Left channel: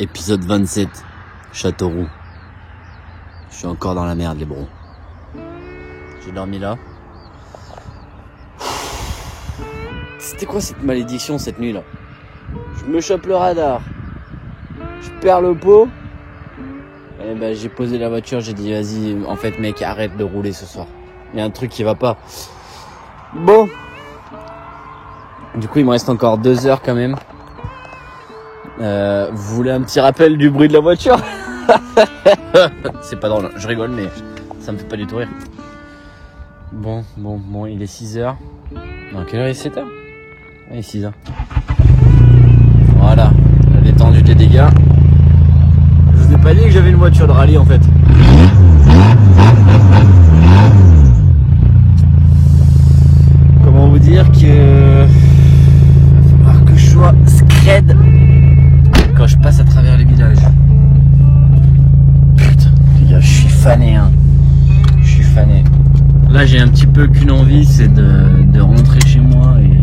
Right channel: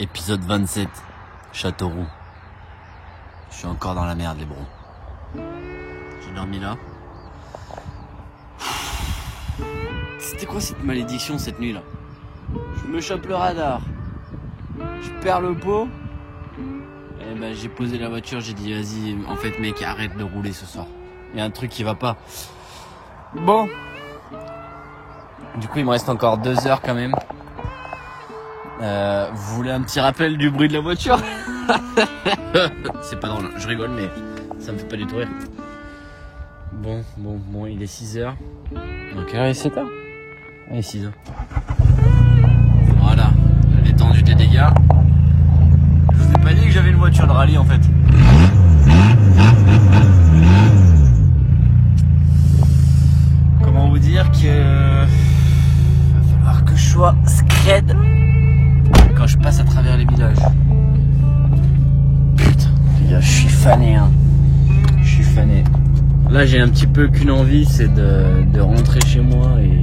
Épisode 27, Châteauroux. Je suis encore dans la merde les bros. J'ai dormi là. C'était quoi cette malédiction cette nuit là? Je me chope le radar. Je perds le pot. Et ben, j'ai posé la voiture, j'ai dit vas-y, en fait mec arrête de rouler ce soir. Il y a un truc qui va pas. Bon. Du coup il me reste encore 2 heures quand même. Vous voulez un petit rappel du bruit de la voiture? C'est pas drôle, je rigole mais ça me fait pas du tout rire. Bon, il est 6h. À quelle heure il est 7h? Il est 6h. Voilà, la détendue des dégâts. Je vous ai pas dit que j'avais une voiture de rallye en fait. Comment vous dire que... va falloir que je sois scred quand je passe à travers les villages. Putain, je suis fané hein. Je suis fané. Là j'ai un petit peu qu'une envie, c'est de rentrer chez moi et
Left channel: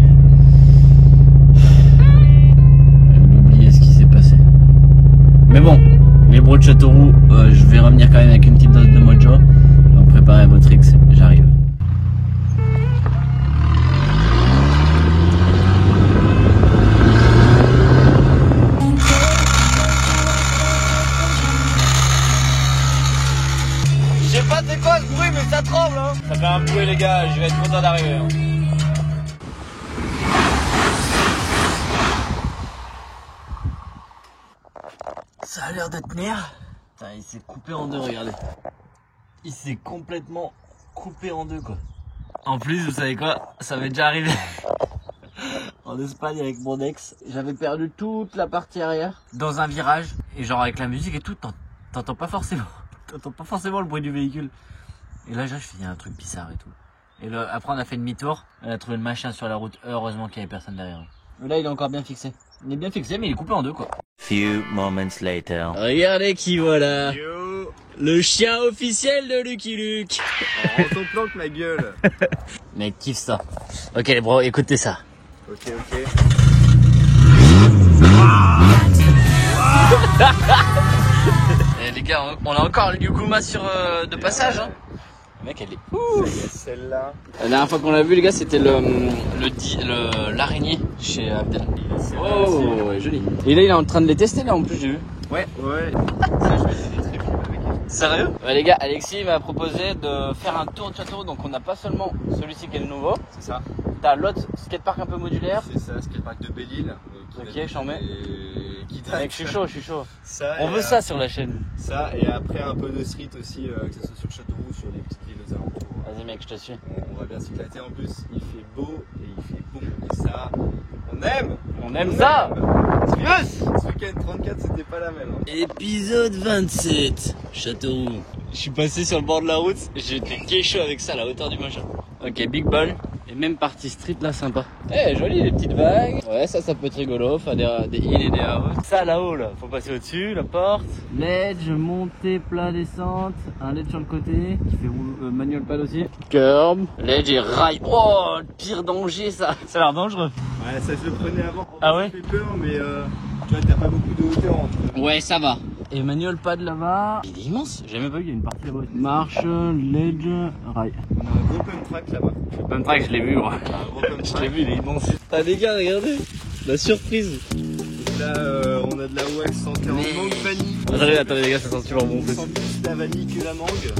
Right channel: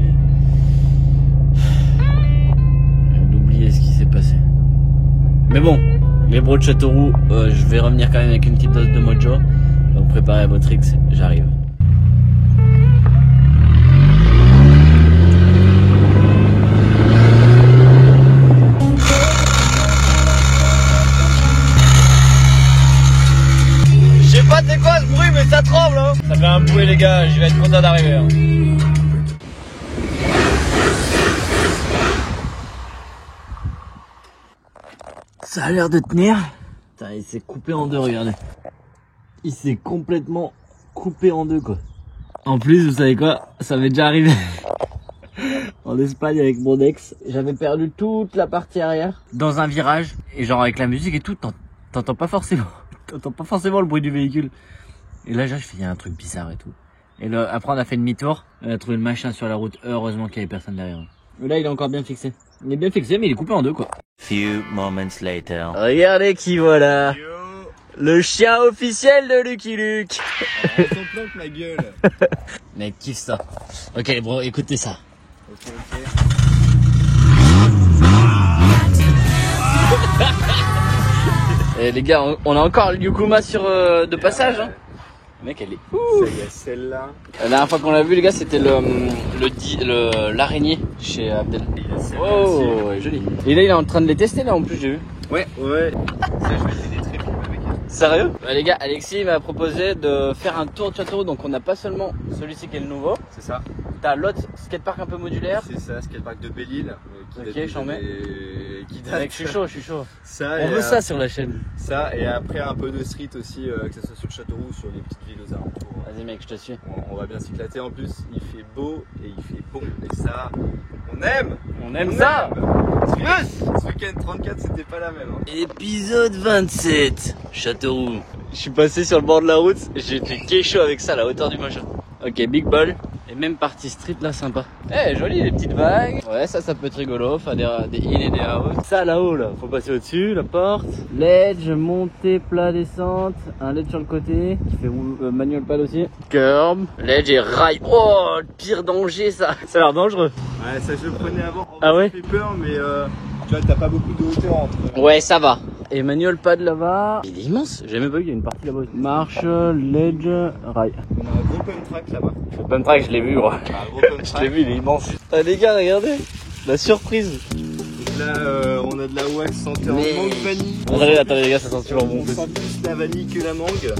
d'oublier ce qui s'est passé. Mais bon, les bros de Châteauroux, je vais revenir quand même avec une petite dose de mojo. Donc préparez votre X, j'arrive. Je sais pas c'est quoi ce bruit mais ça tremble hein. Ça fait un bruit les gars, je vais être content d'arriver hein. Ça a l'air de tenir. Putain, il s'est coupé en deux, regardez. Il s'est complètement coupé en deux quoi. En plus vous savez quoi, ça m'est déjà arrivé en Espagne avec mon ex. J'avais perdu toute la partie arrière dans un virage. Et genre avec la musique et tout, t'entends pas forcément. T'entends pas forcément le bruit du véhicule. Et là, je fais, il y a un truc bizarre et tout. Et là, après, on a fait demi-tour. On a trouvé le machin sur la route. Heureusement qu'il y avait personne derrière. Et là, il est encore bien fixé. Il est bien fixé, mais il est coupé en deux, quoi. Few moments later. Regardez qui voilà. Yo. Le chien officiel de Lucky Luke. On t'en planque ma gueule. Mec, kiffe ça. Ok, bro, écoutez ça. Ok. Et les gars, on a encore le Yukuma sur de passage. Hein. Le mec, elle est ouf. Ça y est, celle-là. La dernière fois qu'on l'a vu, les gars, c'était l'araignée chez Abdel. Oh, ouais, joli. Et là, il est en train de les tester, là, en plus, j'ai vu. Ouais. Sérieux? Les gars, Alexis m'a proposé de faire un tour de Châteauroux. Donc, on n'a pas seulement celui-ci qui est le nouveau. C'est ça. T'as l'autre skatepark un peu modulaire. C'est ça, skatepark de Belle-Île. Ok, j'en mets. Mec, je suis chaud. Ça, on veut ça sur la chaîne. Ça, et après un peu de street aussi, que ce soit sur Châteauroux ou sur les petites villes aux alentours. Vas-y, mec, je te suis. On va bien s'éclater. En plus, il fait beau et il fait bon. Et ça, on aime. On aime ça. Yes. Ce week-end 34, c'était pas la même. Hein. Épisode 27, Châteauroux. Je suis passé sur le bord de la route, j'ai été chaud avec ça à la hauteur du mojo. Ok, big ball, et même partie street là, sympa. Eh, joli, les petites vagues. Ouais, ça peut être rigolo, faire des ça là-haut, là, faut passer au-dessus, la porte. Ledge, montée, plat, descente, un ledge sur le côté, qui fait manuel pad aussi. Curb, ledge et rail. Oh, pire danger ça. Ça a l'air dangereux. Ouais, ça je le prenais avant. Ah ouais? Ça fait peur, mais tu vois, t'as pas beaucoup de hauteur entre. Ouais, ça va. Et manuel pad là-bas. Il est immense. J'ai même pas vu qu'il y a une partie là-bas. Marche, ledge, rail. On a un gros pump track là-bas. Open track, je l'ai vu, gros. Un gros pump track. Je l'ai vu, il est immense. Ah, les gars, regardez. La surprise. Là, on a de la wax sentée en mangue vanille. Attendez, les gars, ça sent super bon. Ça sent plus la vanille que la mangue.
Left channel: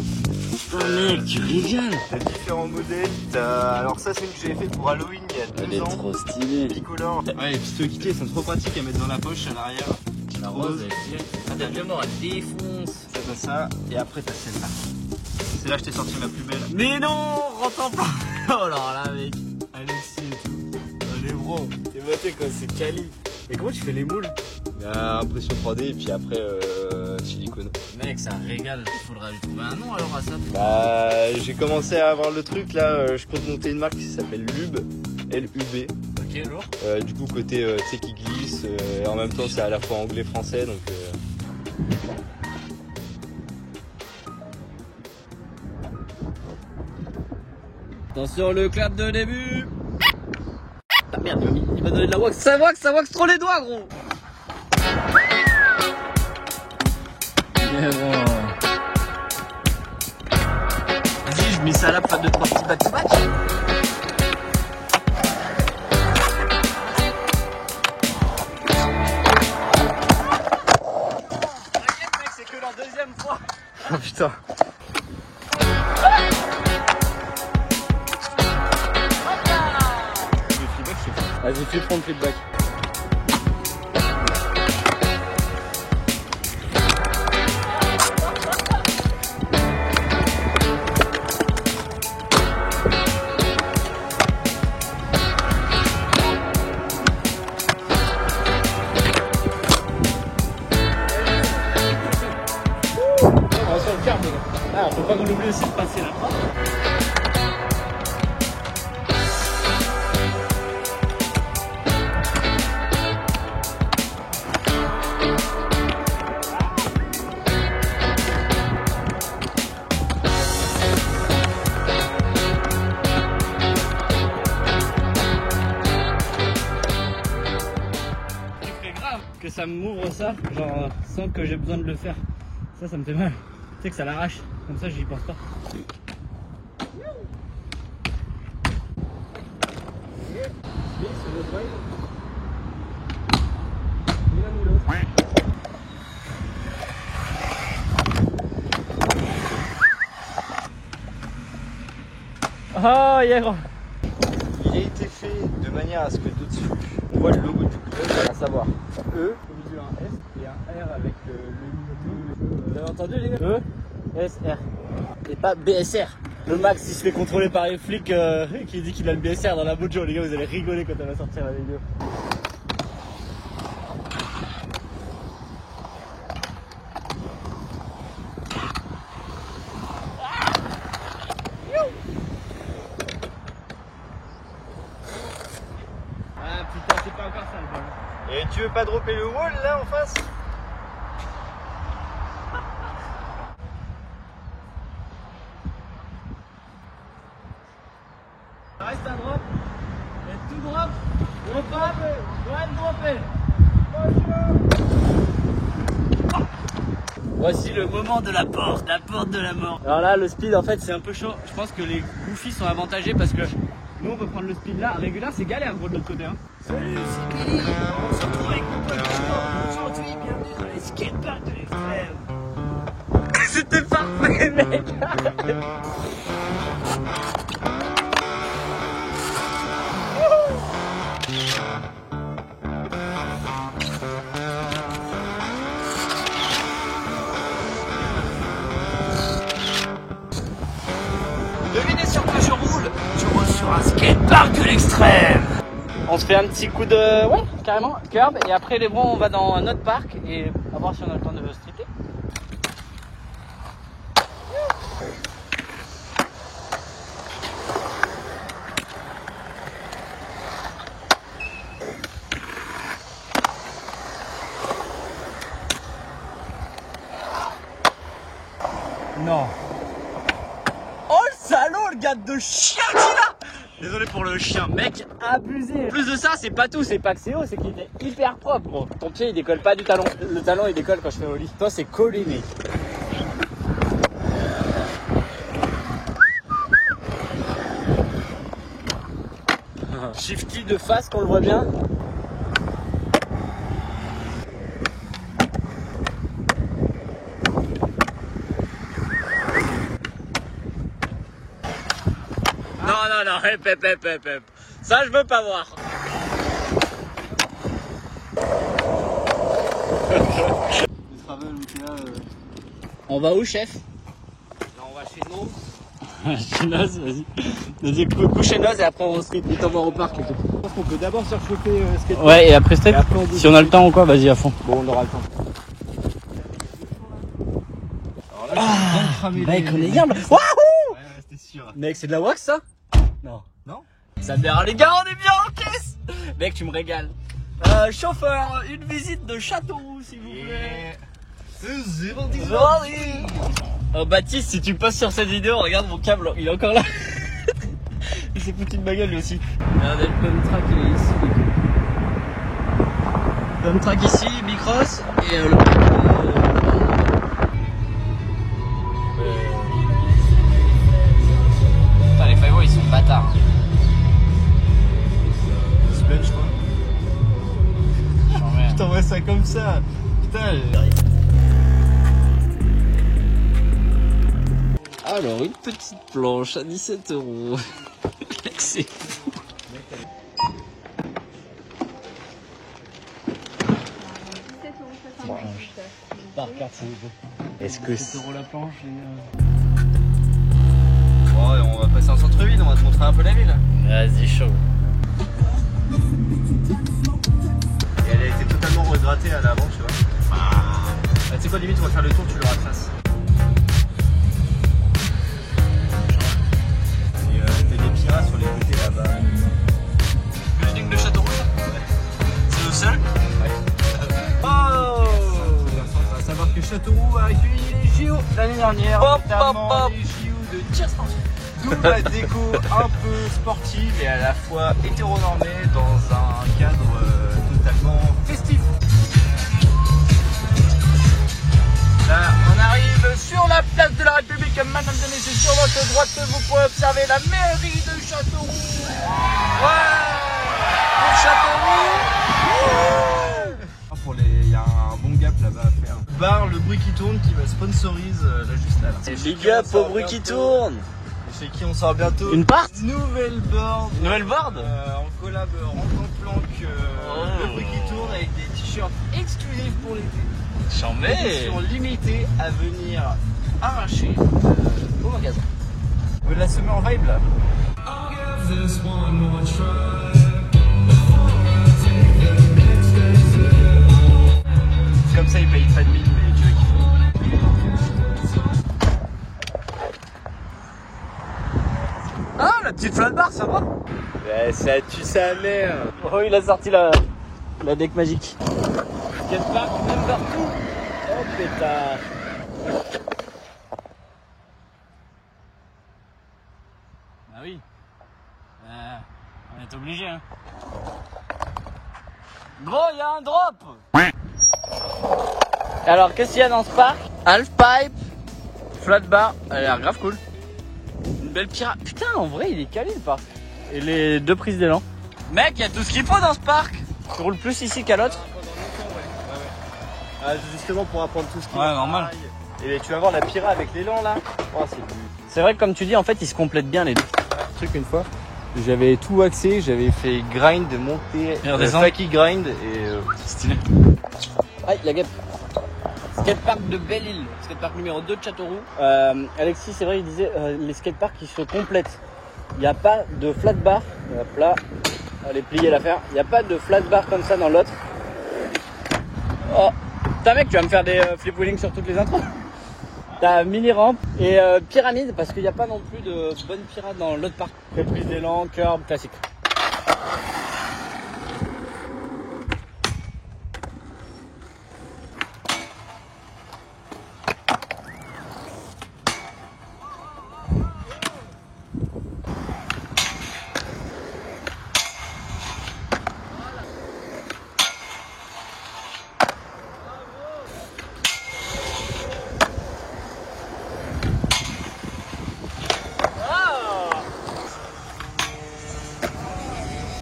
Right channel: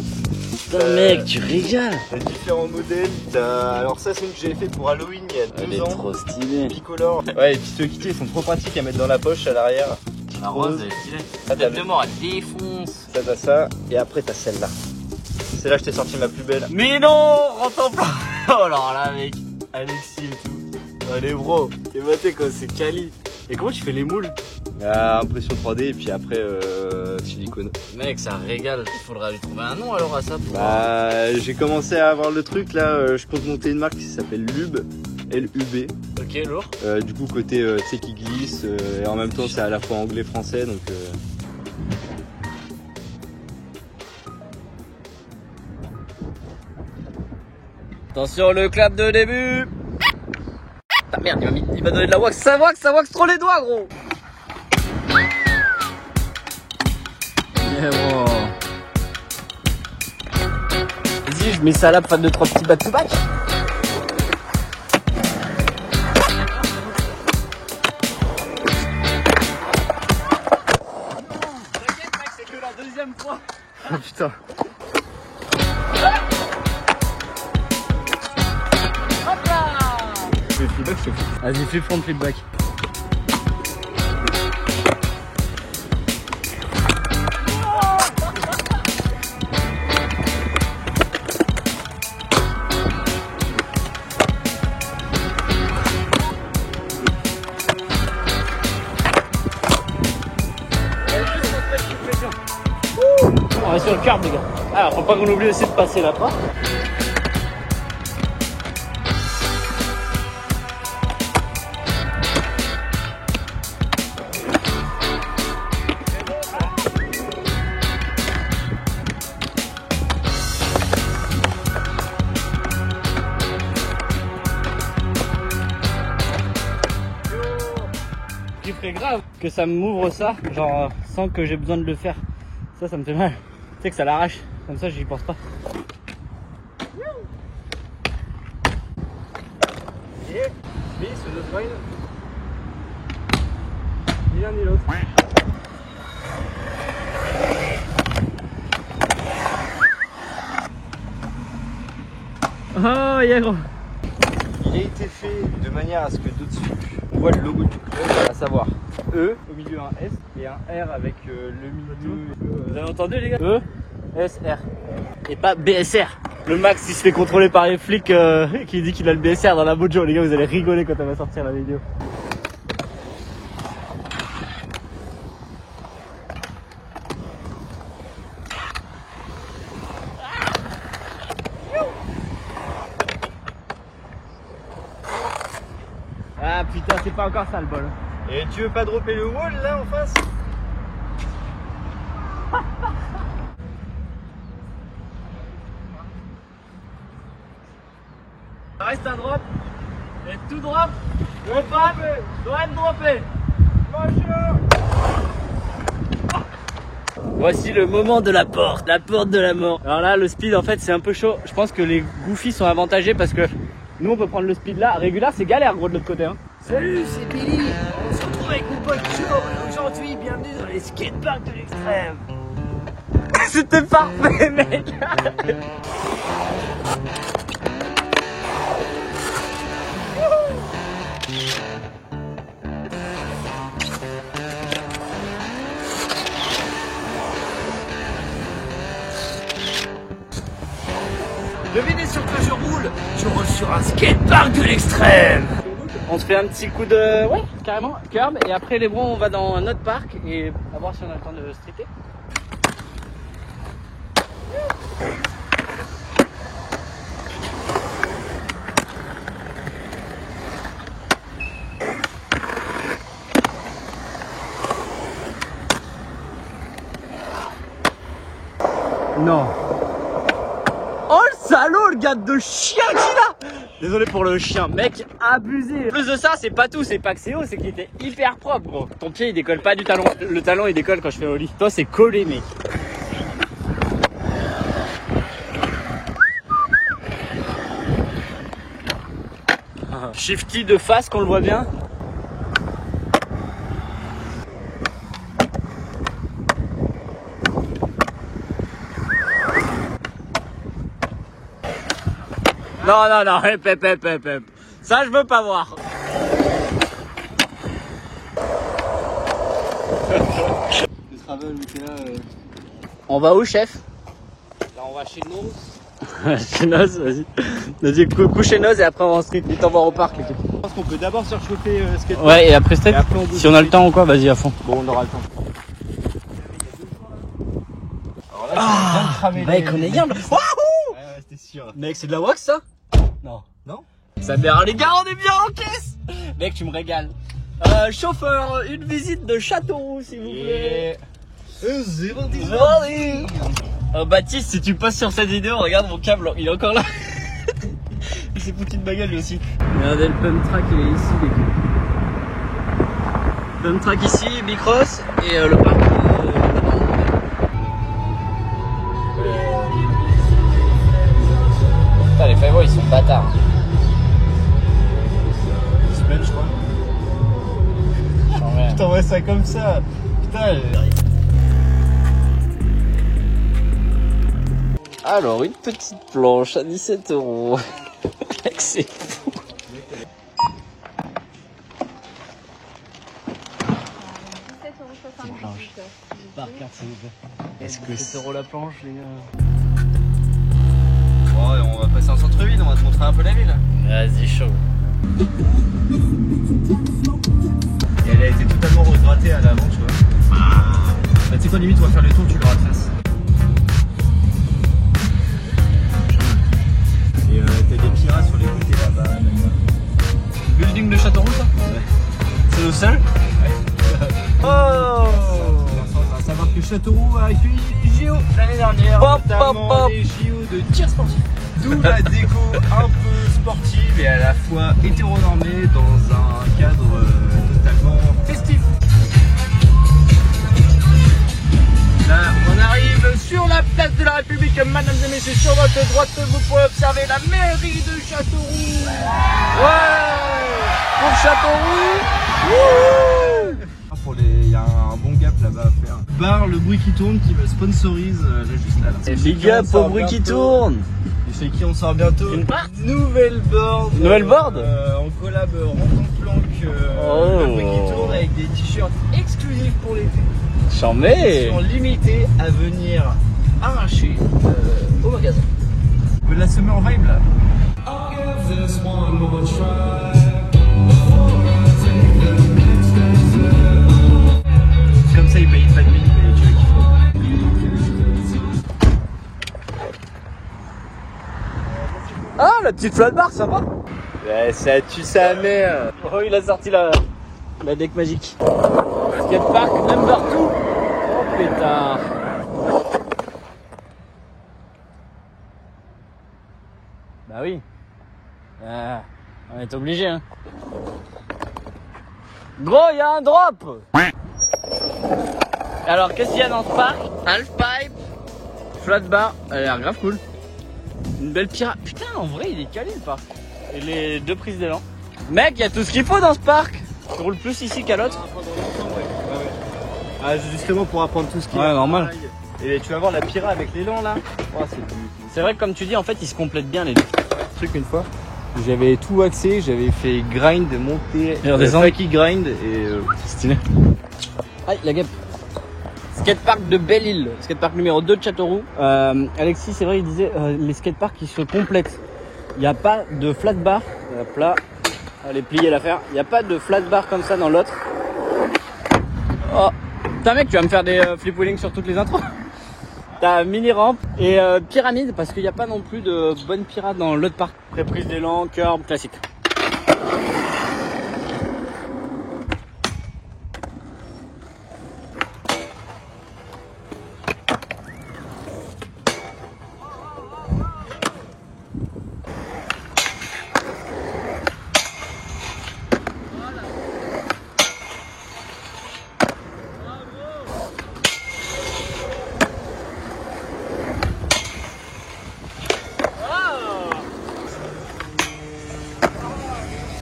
Putain, mec, tu régales. T'as différents modèles. Alors, ça, c'est une que j'avais fait pour Halloween il y a 2 ans. Elle est trop stylée. Bicolore. Ouais, les petites tutus, elles sont trop pratiques à mettre dans la poche à l'arrière. La rose, elle est stylée. Ah, bien. Elle défonce. Ça, t'as ça. Et après, t'as celle-là. Celle-là, je t'ai sorti la plus belle. Mais non, rentre en plein. Oh, alors là, mec. Elle est stylée. Allez, bro. Et maté, quoi, c'est quali. Et comment tu fais les moules? Ah, impression 3D et puis après, silicone. Mec, ça régale. Il faudra lui trouver un nom alors à ça. J'ai commencé à avoir le truc là. Je peux monter une marque qui s'appelle Lub. L-U-B. Ok, lourd. Du coup, côté tu sais qui glisse. Et en même temps, c'est à la fois anglais-français. Donc. Attention, le clap de début. Ah merde, il m'a donné de la wax. Ça wax trop les doigts, gros. Mais bon. Vas-y, je mets ça là pour faire 2-3 petits back-to-back. T'inquiète mec, c'est que la deuxième fois. Oh putain. Vas-y, fais front flip back. On est sur le curb, les gars. Alors, faut pas qu'on oublie aussi de passer la porte. Grave que ça m'ouvre ça, genre sans que j'ai besoin de le faire. Ça me fait mal. Tu sais que ça l'arrache. Comme ça, j'y pense pas. Ah, yeah, gros. Il a été fait de manière à ce que tout de suite on voit le logo du coup, à savoir E, au milieu un S et un R avec le milieu. Vous avez entendu les gars? E, S, R. Et pas BSR. Le Max il se fait contrôler par les flics qui dit qu'il a le BSR dans la mojo. Les gars, vous allez rigoler quand elle va sortir la vidéo. Ah putain, c'est pas encore ça le bol. Et tu veux pas dropper le wall là en face? Reste à droite. Et tout drop. Droite, droite, dropper. Voici le moment de la porte de la mort. Alors là, le speed en fait c'est un peu chaud. Je pense que les Goofy sont avantagés parce que nous on peut prendre le speed là. Régulier c'est galère gros de l'autre côté. Hein. Salut, c'est Billy. On se retrouve avec mon pote Joe. Aujourd'hui, bienvenue dans les skateparks de l'extrême. C'était parfait mec. Devinez sur quoi je roule sur un skatepark de l'extrême. On se fait un petit coup de... ouais, carrément, curb. Et après les bras, on va dans un autre parc et à voir si on a le temps de streeter. Non. Oh le salaud, le gars de chien qu'il a. Désolé pour le chien, mec, abusé. En plus de ça, c'est pas tout, c'est pas que c'est haut, c'est qu'il était hyper propre, gros. Ton pied, il décolle pas du talon. Le talon, il décolle quand je fais au lit. Toi, c'est collé, mec. Shifty de face, qu'on le voit bien. Non, non, non, hep. Ça, je veux pas voir. On va où, chef? Là, on va chez Noz. Chez Noz, vas-y. Vas-y, couchez Noz et après on va en street. Il t'envoie au parc, les gars. Je pense qu'on peut d'abord surchauffer skateboard. Ouais, et après street. Et après, si on a le temps ou quoi, vas-y à fond. Bon, on aura le temps. Ah, mec, on est bien. Wouhou! C'était sûr. Mec, c'est de la wax ça? Non. Non? Ça mère les gars, on est bien en caisse! Mec, tu me régales. Chauffeur, une visite de Châteauroux, s'il vous plaît. 010. Baptiste, si tu passes sur cette vidéo, regarde mon câble, il est encore là. Il s'est foutu de ma gueule lui aussi. Regardez, le pump track il est ici. Pump track ici, Bicross et le vois ça comme ça. Putain. Alors, une petite planche à 17 €. C'est fou. Par carte, s'il vous plaît. Esprit. 7 € la planche, les gars. Bon, on va passer en centre-ville, on va te montrer un peu la ville. Vas-y, chaud. Et elle a été totalement regrettée à l'avant, tu vois. Ah. Tu sais quoi, limite, on va faire le tour, tu l'auras de face. Et t'as des pirates sur les côtés là-bas. Building de Châteauroux, ça? Ouais. C'est nous seuls? Ouais. Oh! À savoir que Châteauroux a accueilli les JO l'année dernière, notamment les JO de tir sportif. D'où la déco un peu sportive et à la fois hétéronormée dans un cadre totalement festif. Là, on arrive sur la place de la République, mesdames et messieurs, sur votre droite, vous pouvez observer la mairie de Châteauroux. Ouais! Pour Châteauroux! Il y a un bon gap là-bas à faire. Bar Le Bruit qui tourne qui me sponsorise là juste là. C'est big up au bruit qui tourne. Et chez qui on sort bientôt Une part. nouvelle board. Nouvelle board en collab Ranton-Planck Le Bruit qui tourne avec des t-shirts exclusifs pour l'été. Chambé. Ils sont limités à venir arracher au magasin. De la summer vibe là. Comme ça, ils payent pas de mine, mais tu vois qu'il faut. Ah, la petite flat bar, sympa. Ouais, ça tue sa mère. Oh, il a sorti la deck magique. Skatepark number 2. Oh putain. Bah oui. On est obligé, hein. Gros, il y a un drop. Alors, qu'est-ce qu'il y a dans ce parc? Halfpipe, flat bar, elle a l'air grave cool. Une belle pirate. Putain, en vrai, il est calé le parc. Et les deux prises d'élan. Mec, il y a tout ce qu'il faut dans ce parc. Tu roules plus ici qu'à l'autre. Ah, c'est justement pour apprendre tout ce qui est. Ouais, normal. Et tu vas voir la Pira avec l'élan là. Oh, C'est vrai que comme tu dis, en fait, ils se complètent bien les deux. truc une fois. J'avais tout axé, j'avais fait grind, monter, qui grind et stylé. Ouais, la guêpe. Skatepark de Belle-Île, skatepark numéro 2 de Châteauroux. Alexis, c'est vrai, il disait les skateparks qui se complètent. Il n'y a pas de flat bar. Hop là, on va les plier l'affaire. Il n'y a pas de flat bar comme ça dans l'autre. Oh, putain mec, tu vas me faire des flip wheeling sur toutes les intros. T'as mini rampe et pyramide parce qu'il n'y a pas non plus de bonne pirate dans l'autre parc. Reprise d'élan, curb, classique.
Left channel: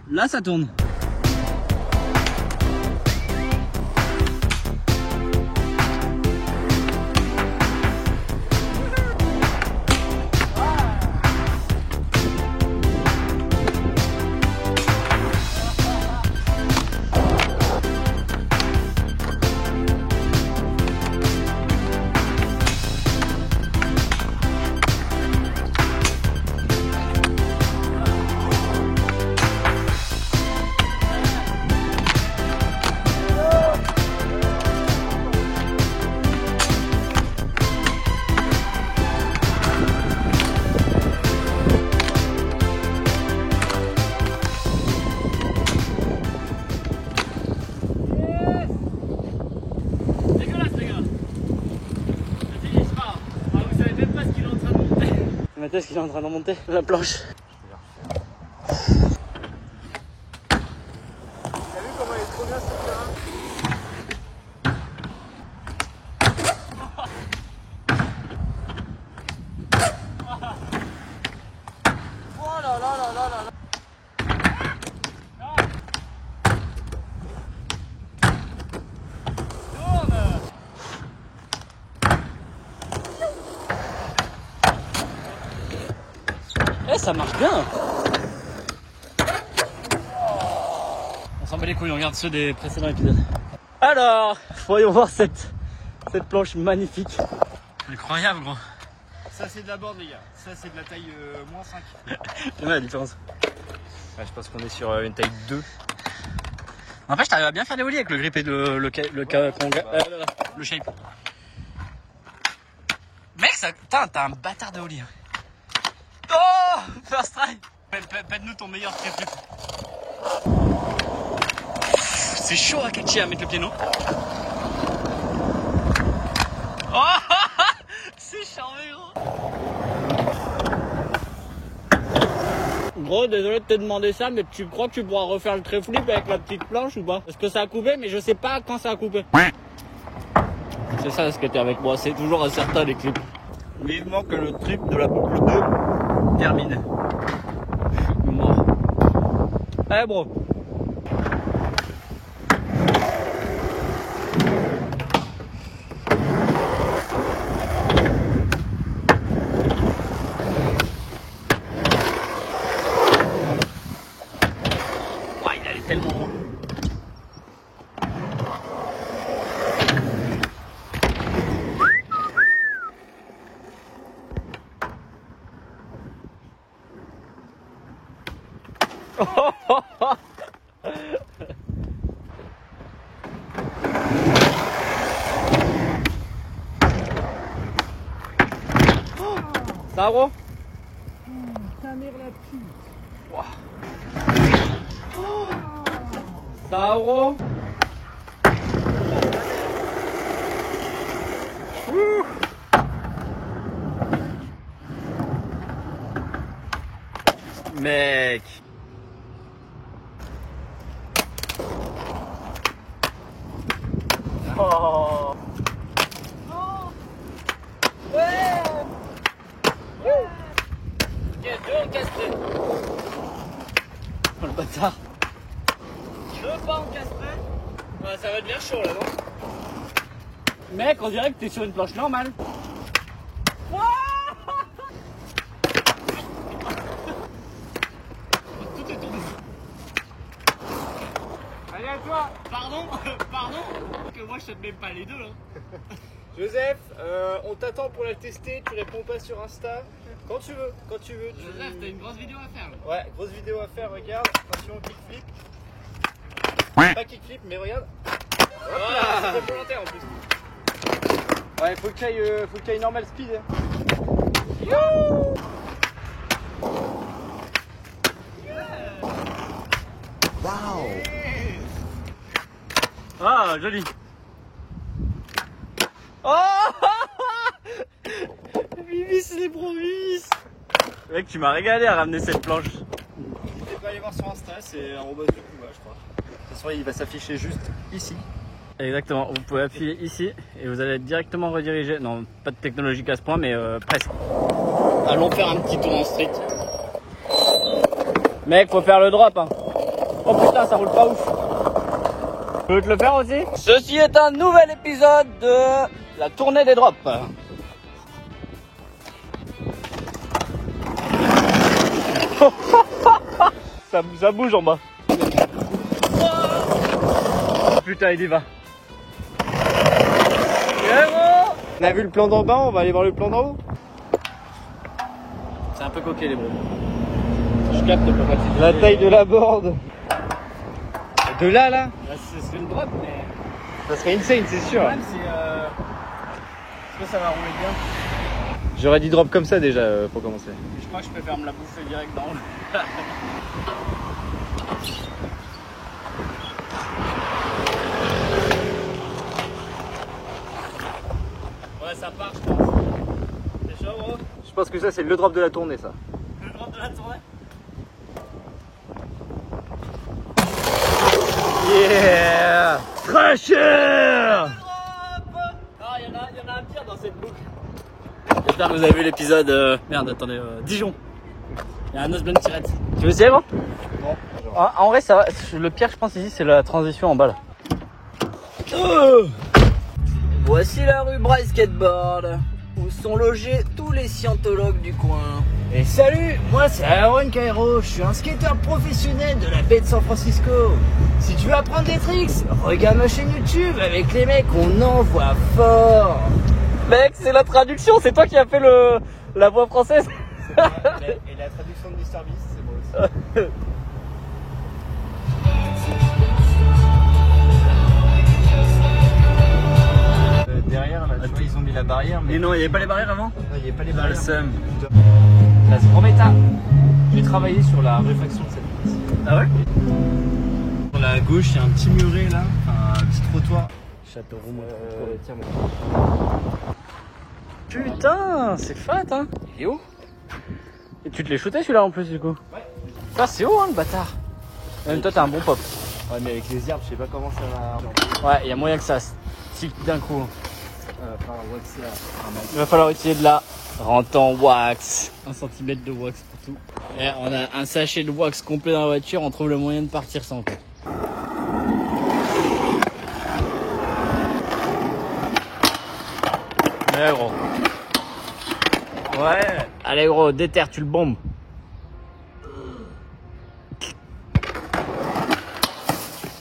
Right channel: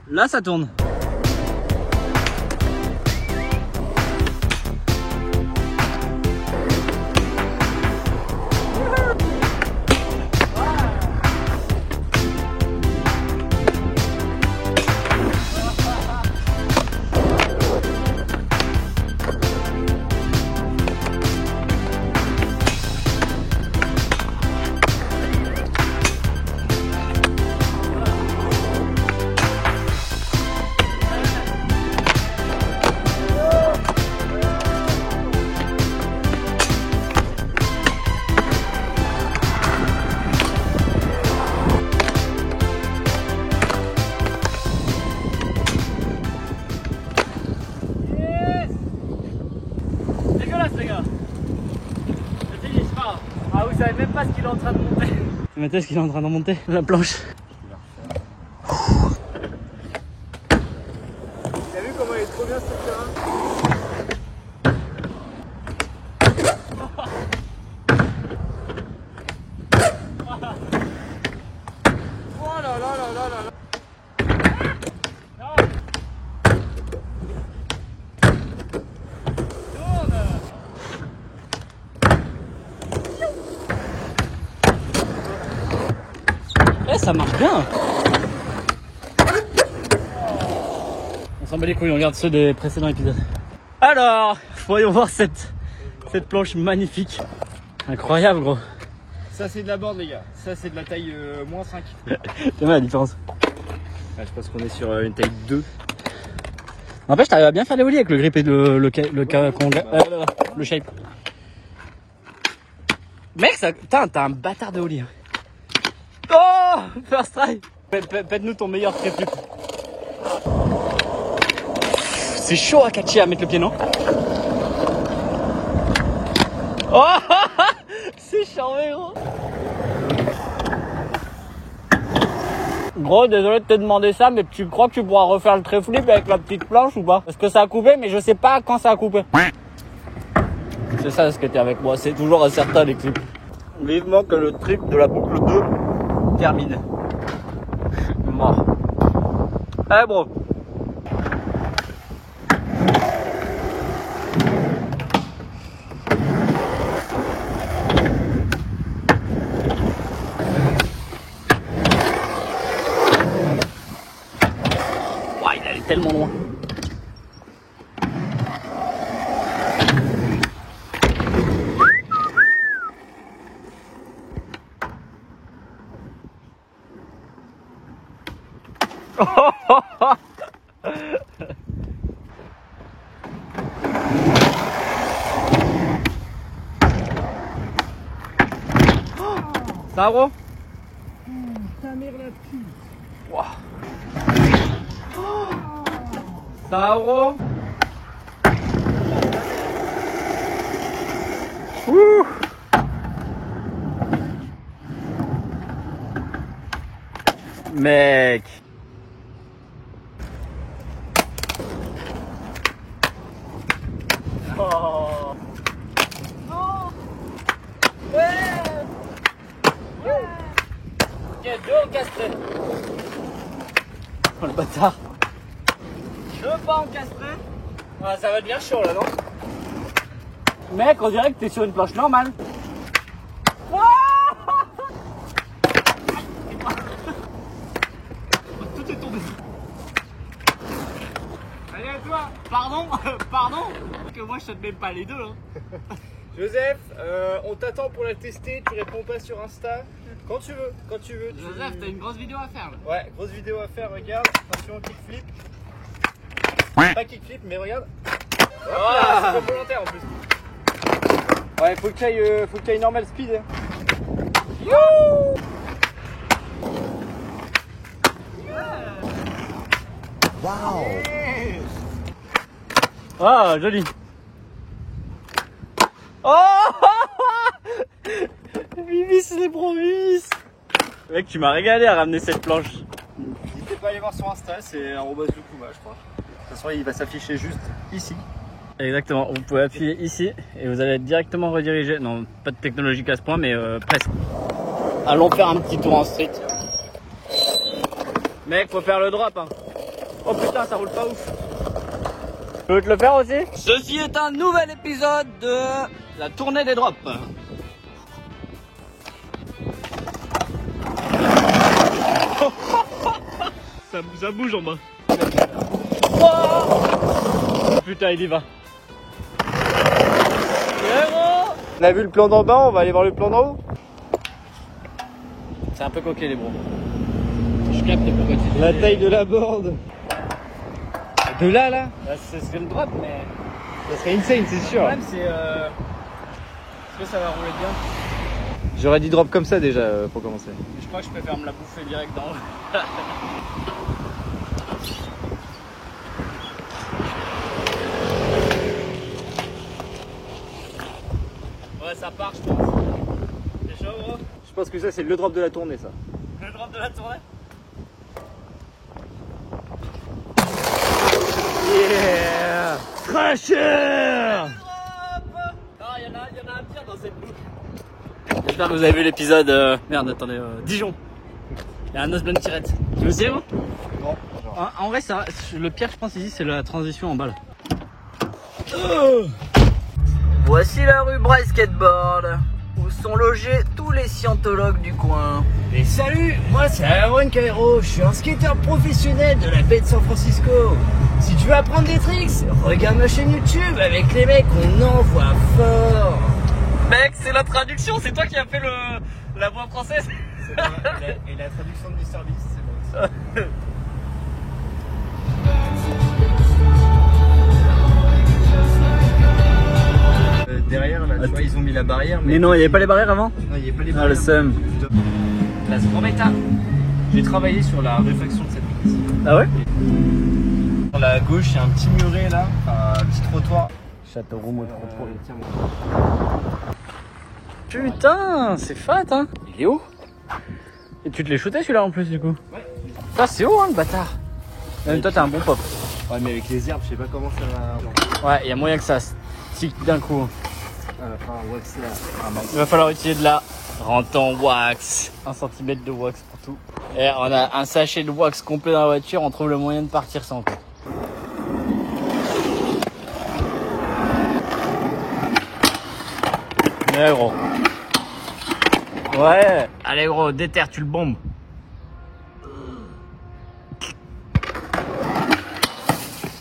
Là, ça tourne. Ah, vous savez même pas ce qu'il est en train de monter. Mettez ce qu'il est en train de monter, la planche. T'as vu comment il est trop bien ce terrain? Oh là là là là là. bien. On s'en bat les couilles, on regarde ceux des précédents épisodes. Alors, voyons voir cette planche magnifique. Incroyable gros. Ça c'est de la board les gars, ça c'est de la taille moins 5. Quelle est la différence? Je pense qu'on est sur une taille 2. N'empêche, t'arrives à bien faire des ollies avec le grip et le shape. Mec, t'as un bâtard de ollie. Hein. Oh, first try. Pète-nous ton meilleur trip. C'est chaud à catcher, à mettre le pied, non? Oh, c'est charmé, gros. Gros, désolé de te demander ça, mais tu crois que tu pourras refaire le trait flip avec la petite planche ou pas? Parce que ça a coupé, mais je sais pas quand ça a coupé. C'est ça ce que t'es avec moi, c'est toujours incertain les clips. Vivement que le trip de la boucle 2 termine. Mort. Allez, bro. Tellement loin. Ça va gros? Ta mère la pute. Wow. Ça va gros? Ouh. Mec. Oh. Oh. Ouais. Ouais. Ok, deux encastrés. Oh le bâtard. Deux pas encastrés. Ah, ça va devenir chaud là, non? Mec, on dirait que t'es sur une planche normale. Tout est tombé. Allez à toi. Pardon que moi je te mets pas les deux hein. Joseph, on t'attend pour la tester, tu réponds pas sur Insta. Quand tu veux. Joseph, t'as une grosse vidéo à faire là. Ouais, grosse vidéo à faire, regarde. Attention, kickflip. Pas kickflip, mais regarde. Voilà, c'est volontaire en plus. Ouais, faut que t'ailles normal speed. Wow. Ah, joli. Oh Vivis les promis. Mec, tu m'as régalé à ramener cette planche. N'hésitez pas à aller voir sur Insta, c'est @Yukuma je crois. De toute façon, il va s'afficher juste ici. Exactement, vous pouvez appuyer ici et vous allez être directement redirigé. Non, pas de technologique à ce point, mais presque. Allons faire un petit tour en street. Mec, faut faire le drop. Hein. Oh putain, ça roule pas ouf. Je peux te le faire aussi? Ceci est un nouvel épisode de la tournée des drops. ça bouge en bas. Putain, il y va. On a vu le plan d'en bas, on va aller voir le plan d'en haut. C'est un peu coquet les bros. Je capte pourquoi tu dis. La taille de la board. De là Ce serait le drop, mais ça serait insane, c'est sûr. Le problème c'est est-ce que ça va rouler bien? J'aurais dit drop comme ça déjà pour commencer. Je crois que je préfère me la bouffer direct dans le... Ouais, ça part. C'est chaud gros? Je pense que ça c'est le drop de la tournée ça. Le drop de la tournée. Yeah! Crusher! Ah, il y en a un pire dans cette boucle. J'espère que vous avez vu l'épisode. Merde, attendez, Dijon. Il y a un Osblend tirette. Tu veux essayer, gros? En vrai, ça va. Le pire, je pense, ici, c'est la transition en bas là. Voici la rue Braille Skateboard, où sont logés tous les scientologues du coin. Et salut, moi c'est Aaron Cairo, je suis un skateur professionnel de la baie de San Francisco. Si tu veux apprendre des tricks, regarde ma chaîne YouTube avec les mecs, on envoie fort. Mec, c'est la traduction, c'est toi qui as fait la voix française. C'est moi, et la traduction du service, c'est moi aussi. Derrière là, tu vois, ils ont mis la barrière. Mais non, il n'y avait pas les barrières avant? Non, il n'y avait pas les Ah, barrières. le seum. Là, c'est en méta. J'ai travaillé sur la réfaction de cette place. Ah ouais? Sur la gauche, il y a un petit muret là, un petit trottoir. Châteauroux Métropole. Tiens-moi. Putain, c'est fat hein. Il est où? Et tu te l'es shooté celui-là en plus du coup? Ouais. Ça c'est haut hein le bâtard. Même toi t'as un bon pop. Ouais, mais avec les herbes, je sais pas comment ça va. Ouais, il y a moyen que ça se tique d'un coup. Enfin, un wax là. Il va falloir utiliser de la rente en wax. 1 cm de wax pour tout. Et on a un sachet de wax complet dans la voiture, on trouve le moyen de partir sans quoi. Ouais gros. Ouais. Allez gros, déterre, tu le bombes.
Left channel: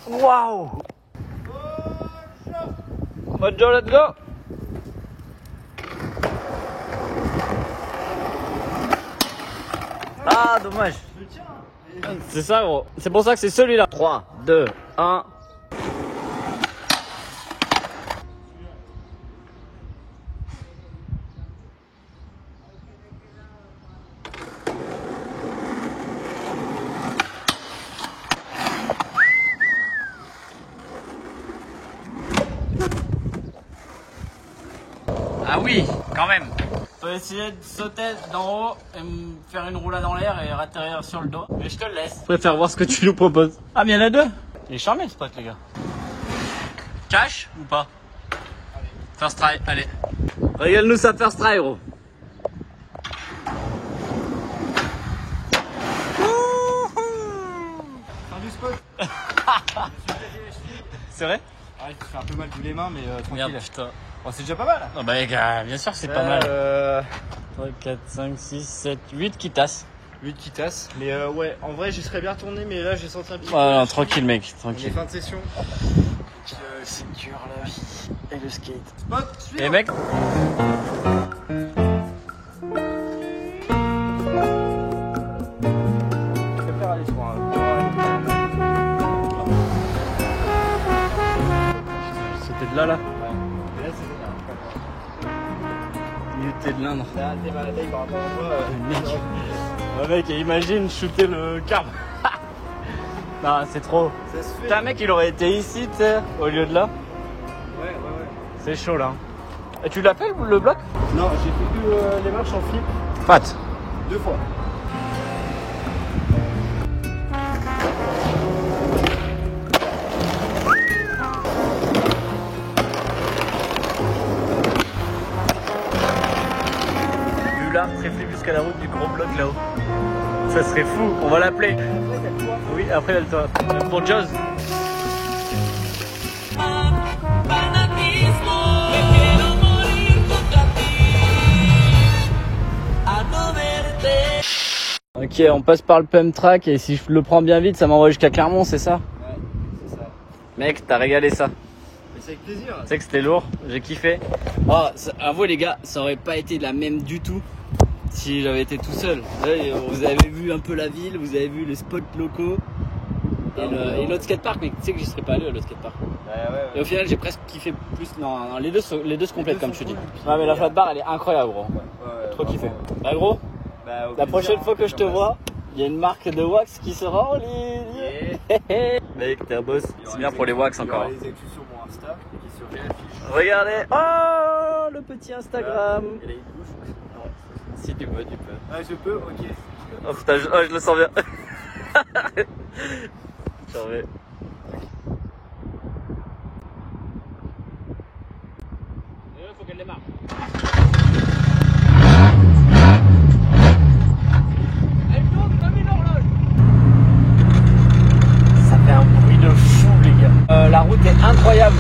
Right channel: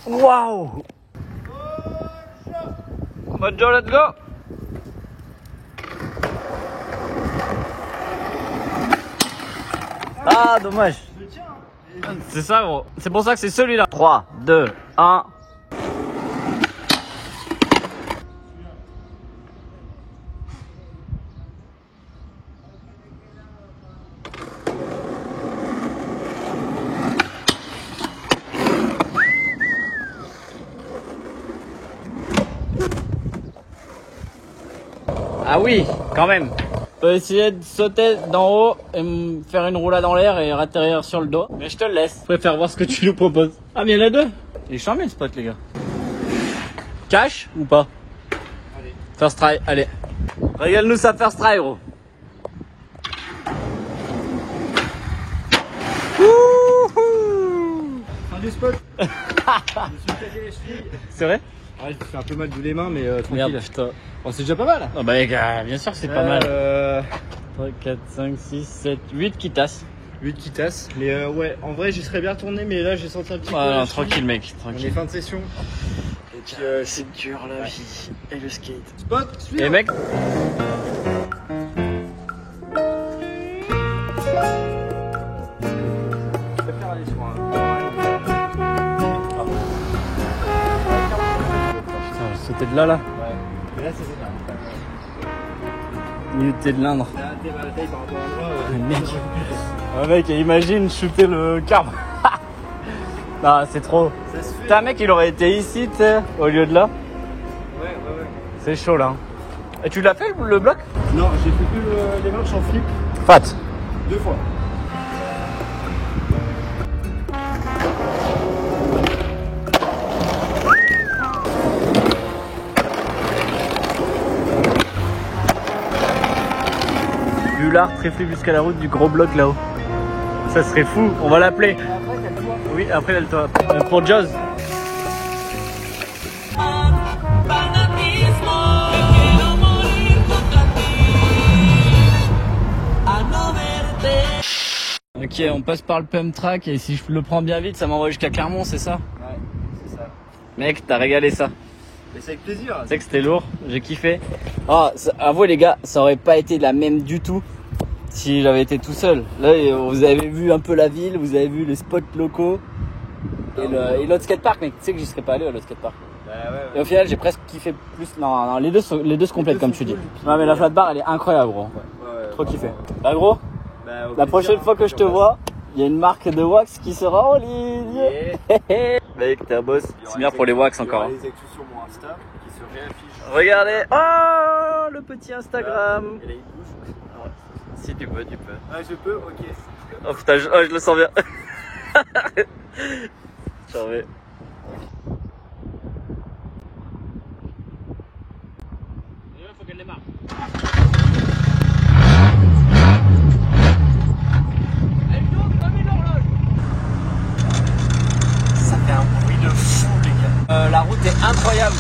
Waouh. Bonne journée, let's go. Ah dommage. C'est ça gros. C'est pour ça que c'est celui-là. 3, 2, 1. Ah oui, quand même. On peut essayer de sauter d'en haut et me faire une roulade dans l'air et atterrir sur le dos. Mais je te le laisse. Je préfère voir ce que tu nous proposes. Ah, mais il y en a deux. Il est charmé le spot, les gars. Cash ou pas? Allez. First try, allez. Régale-nous ça first try, gros. Fin du spot. Je me suis pété les chevilles. C'est vrai? Ouais, c'est un peu mal vu les mains, mais tranquille. Regarde, putain. Oh, c'est déjà pas mal. Non, bah les gars, bien sûr, c'est pas mal. 3, 4, 5, 6, 7, 8 qui tassent. 8 qui tassent. Mais ouais, en vrai, j'y serais bien retourné, mais là, j'ai senti un petit peu. Ah non, tranquille, mec, On est tranquille. fin de session. C'est dur la vie et le skate. Spot, suivant. Et mec, c'était de là. Ouais. Mais là, c'est bien. Il était de l'Indre. T'as un thème à la taille par rapport à moi. Mec. Ouais, mec, imagine shooter le carbe. Non, c'est trop. Ça se fait. Putain, mec, il aurait été ici, tu sais, au lieu de là. Ouais. C'est chaud là. Et tu l'as fait le bloc? Non, j'ai fait que les marches en flip Fat. 2 fois. Bullard, tréflé jusqu'à la route du gros bloc là-haut. Ça serait fou, on va l'appeler. Oui, après elle toi. Pour Jaws. Ok, on passe par le pump track et si je le prends bien vite, ça m'envoie jusqu'à Clermont, c'est ça? Ouais, c'est ça. Mec, t'as régalé ça. Mais c'est avec plaisir. Tu sais que c'était lourd, j'ai kiffé. Non, avouez les gars, ça aurait pas été la même du tout si j'avais été tout seul. Là, vous avez vu un peu la ville, vous avez vu les spots locaux et l'autre skatepark, mais tu sais que j'y serais pas allé à l'autre skatepark. Et au final, j'ai presque kiffé plus. Non, les deux se complètent comme c'est dit. Non, mais la flat bar, elle est incroyable, gros. Trop kiffé. Bah, gros, la prochaine fois que je te vois, il y a une marque de wax qui sera en ligne. Mec, t'es un boss. C'est bien pour les wax encore. Il y aura les actus sur mon Insta qui se réaffichent. Regardez, oh, le petit Instagram. Et là, il bouge. Si tu peux, tu peux. Ah, je peux, ok. Oh putain, je le sens bien. J'en vais. Faut qu'elle démarre. Elle tourne comme une horloge. Ça fait un bruit de fou, les gars. La route est incroyable.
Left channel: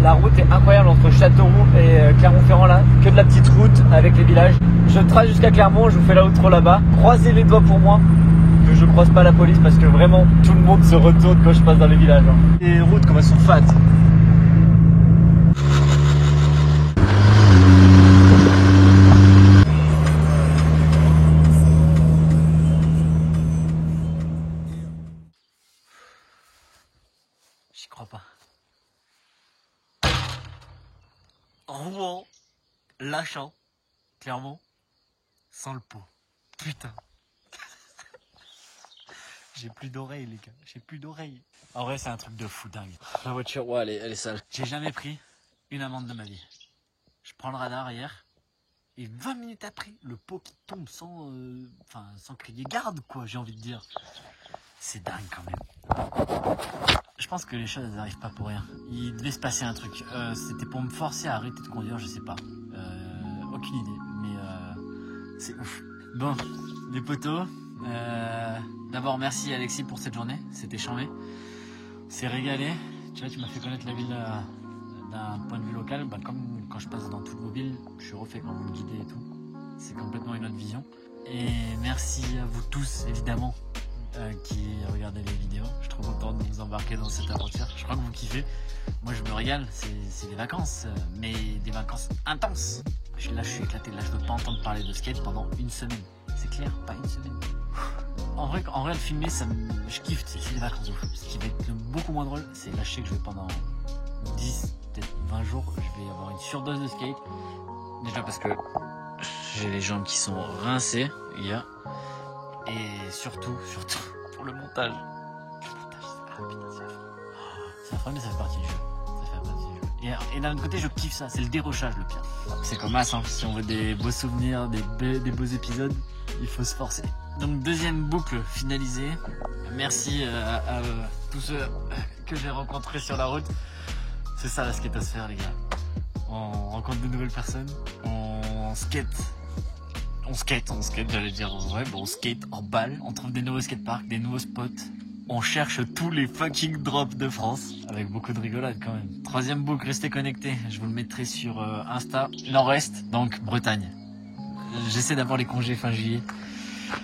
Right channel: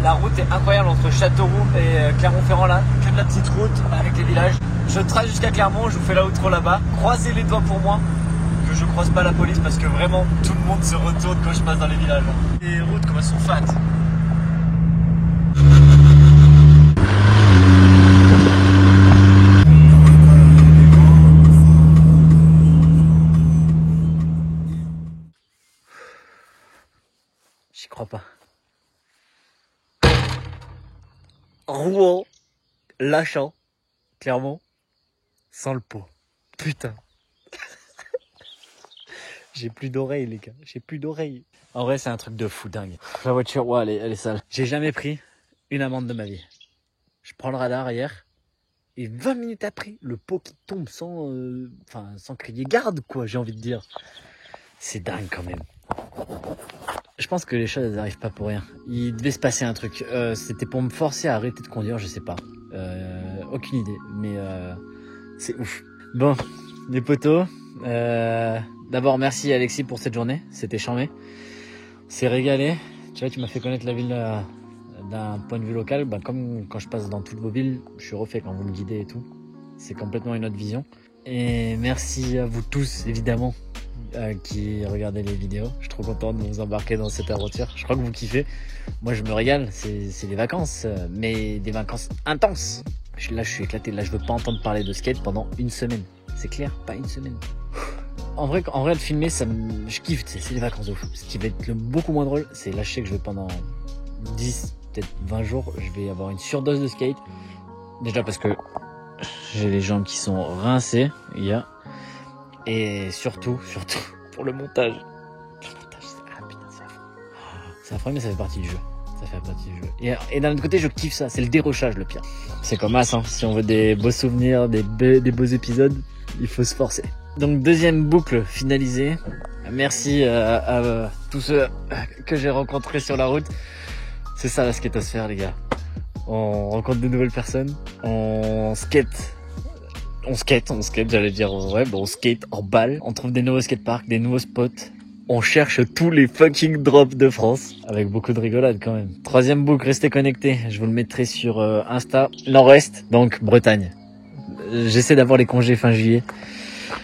La route est incroyable entre Châteauroux et Clermont-Ferrand là. Que de la petite route avec les villages. Je trace jusqu'à Clermont, je vous fais l'outro là-bas. Croisez les doigts pour moi, que je croise pas la police parce que vraiment tout le monde se retourne quand je passe dans les villages. Hein. Les routes comme elles sont fat. J'y crois pas. Rouen, Lachan, Clermont, sans le pot. Putain. J'ai plus d'oreilles, les gars. J'ai plus d'oreilles. En vrai, c'est un truc de fou dingue. La voiture, ouais, elle est sale. J'ai jamais pris une amende de ma vie. Je prends le radar hier. Et 20 minutes après, le pot qui tombe sans crier garde, quoi, j'ai envie de dire. C'est dingue quand même. Je pense que les choses, elles n'arrivent pas pour rien. Il devait se passer un truc. C'était pour me forcer à arrêter de conduire, je sais pas. Aucune idée, mais c'est ouf. Bon, les potos. D'abord, merci Alexis pour cette journée. C'était charmé. C'est régalé. Tu vois, tu m'as fait connaître la ville d'un point de vue local. Bah, comme quand je passe dans toutes vos villes, je suis refait quand vous me guidez et tout. C'est complètement une autre vision. Et merci à vous tous, évidemment, qui regardez les vidéos. Je suis trop content de vous embarquer dans cette aventure. Je crois que vous kiffez. Moi, je me régale. C'est des vacances, mais des vacances intenses. Là, je suis éclaté. Là, je veux pas entendre parler de skate pendant une semaine. C'est clair, pas une semaine. En vrai, le filmer, je kiffe. C'est les vacances de ouf. Ce qui va être beaucoup moins drôle, c'est là, je sais que je vais pendant 10, peut-être 20 jours, je vais avoir une surdose de skate. Déjà parce que j'ai les jambes qui sont rincées, et surtout, pour le montage. Le montage, c'est affreux, mais ça fait partie du jeu. Et d'un autre côté, je kiffe ça. C'est le dérochage, le pire. C'est comme As, hein. Si on veut des beaux souvenirs, des beaux épisodes, il faut se forcer. Donc, deuxième boucle finalisée. Merci à tous ceux que j'ai rencontrés sur la route. C'est ça la skatosphère, les gars. On rencontre de nouvelles personnes. On skate, j'allais dire. Ouais, bon, on skate en balle. On trouve des nouveaux skateparks, des nouveaux spots. On cherche tous les fucking drops de France. Avec beaucoup de rigolade quand même. Troisième boucle, restez connectés. Je vous le mettrai sur Insta. Nord-Est, donc Bretagne. J'essaie d'avoir les congés fin juillet.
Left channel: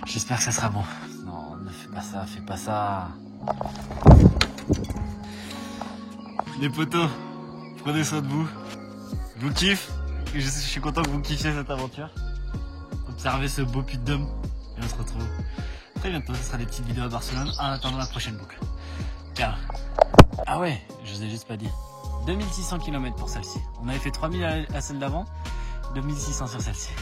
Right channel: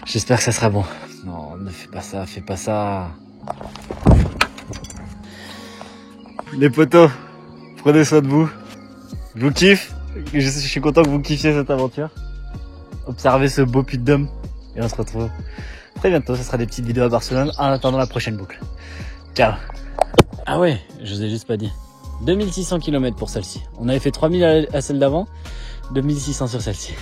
J'espère que ça sera bon. Non, ne fais pas ça. Les potos, prenez soin de vous. Je vous kiffe. Je suis content que vous kiffiez cette aventure. Observez ce beau puits de Dôme. Et on se retrouve très bientôt. Ce sera des petites vidéos à Barcelone en attendant la prochaine boucle. Ciao. Ah ouais, je vous ai juste pas dit. 2600 km pour celle-ci. On avait fait 3000 à celle d'avant. 2600 sur celle-ci.